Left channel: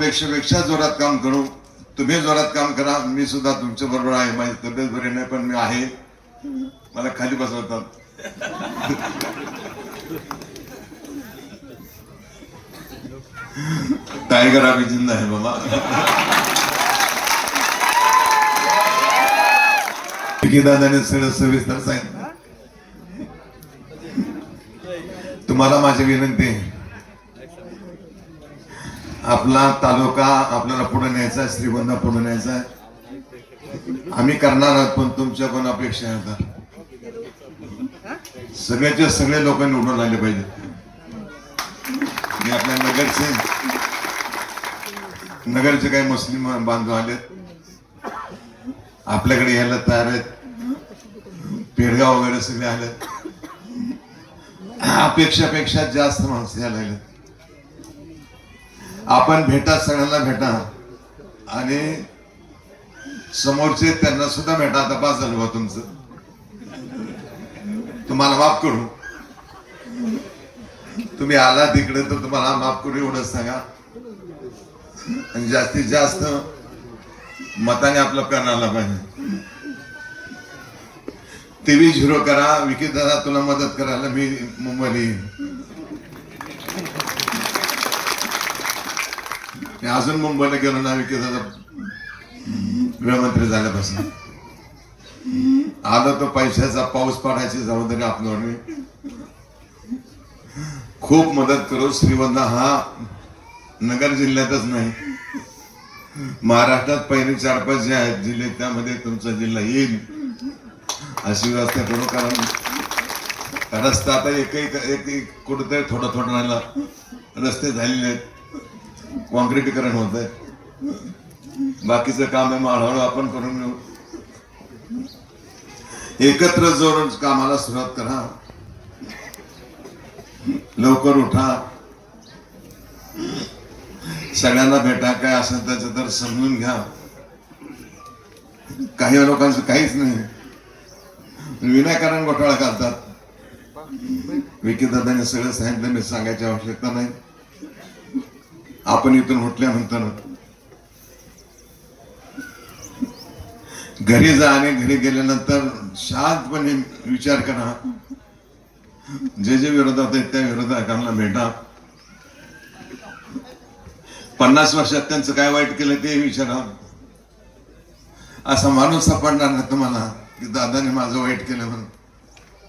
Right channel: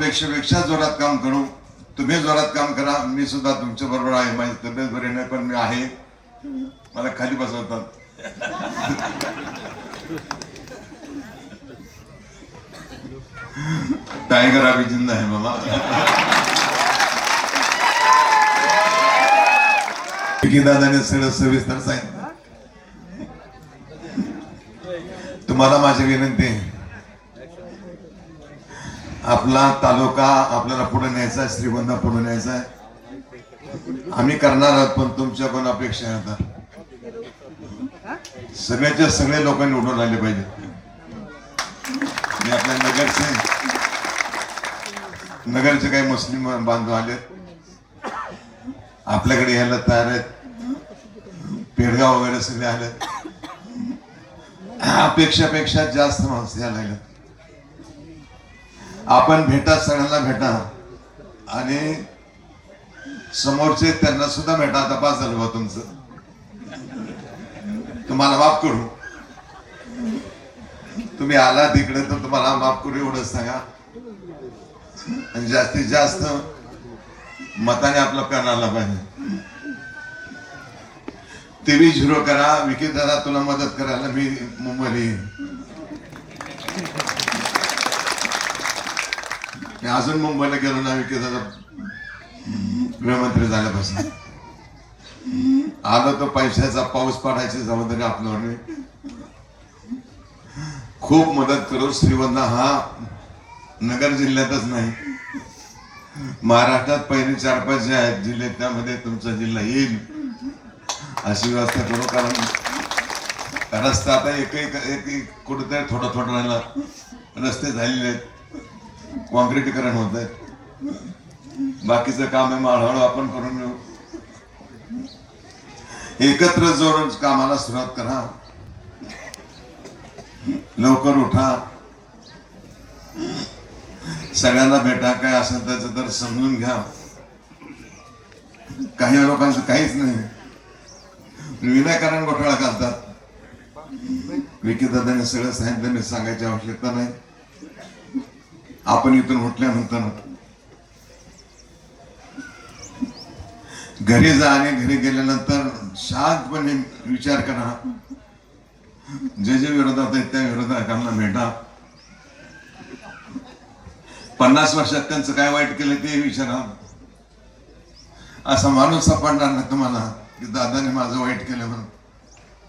अपेक्षेपेक्षा जोरात काम करू. तुम्ही जोरात काम करा. मी सुद्धा तुमच्या बरोबर आहे. माझी तब्येत बरी नाही पण मी आहे. मला खाली बसवतात. टायगर अभी आहे है मामा दादाने सगळं सविस्तर सांगितलं. तुम्हाला माझी विनंती आहे. आपला तालुका आपल्याला पुढे न्यायचा आहे श्रीगोंदा पुढे न्यायचा आहे. आम्ही करणार आहोत पण तुमच्या पण अपेक्षा आहेत. सगळ्याचे सगळे लोक निवडून आले पाहिजे. मी आपल्या नगरचे नगरचे काही मुस्लिम बांधव आले. आपल्याकडे यायला तयार आहेत. पेडगाव वगैरे सगळे आले. अपेक्षापेक्षा जास्त माणसं यायला लागले आपण भेटा सगळ्यांना भेटा आणि समोरचे त्यांना सुद्धा भेटा आता पास झालं बा तुमचं. तुम्हाला माफ करू. तुम्ही आला तिकडे तर तुम्हाला माफ करू एवढंच सांगा. आणि जास्तीत जास्त मताने आपलं करण्याला पाहिजे. टीव्ही झिरो करा विकी दादा तुला मदत करायला मी मुंबईला येईन. मी अजून मुंबईला गेलो ना विकी गृहमंत्री झाल्यापासून. आलो तो पैशाचा पाऊस पडायची जबाबदारी आपल्यावर खूप मदत करू श्रीवंदा हा नगर जिल्ह्यातच नाही. महाराष्ट्रात पहिले चार पाच जे आहेत जिल्हे त्यामध्ये तुमचा जिल्हा येईल. अशी व्यवस्था करू कारण रस्ता आता एक एक कुठेतरी थोडं थोडं राहिला रस्ते झालेले आहेत. कॉन्क्रिटीकरण होत आहे बाकीचं काम आहे हळूहळू आपण करून घेऊ. एकत्र जोर कामाला सुरुवात करा. लवकर उठा. सगळ्यांना भेटा काय असेल त्याचं तर समजून घ्या. काही लोकांचं काहीच नाही. विनाकारण घोटाळा करतात विकीदादाने सगळं सांगितलं मी सांगायची आवश्यकता नाही. आपण इथून उठल्यानंतर घरी जा आणि घरी गेल्यानंतर शांतपणे विचार करा. जे जे विरोधात आहेत त्या विरोधकांना भेटा. पन्नास वर्षात त्यांचं काय वाईट केलं ते विचारा. असा माणूस सापडणार ना तुम्हाला की दादाने माझं वाईट केलं म्हणून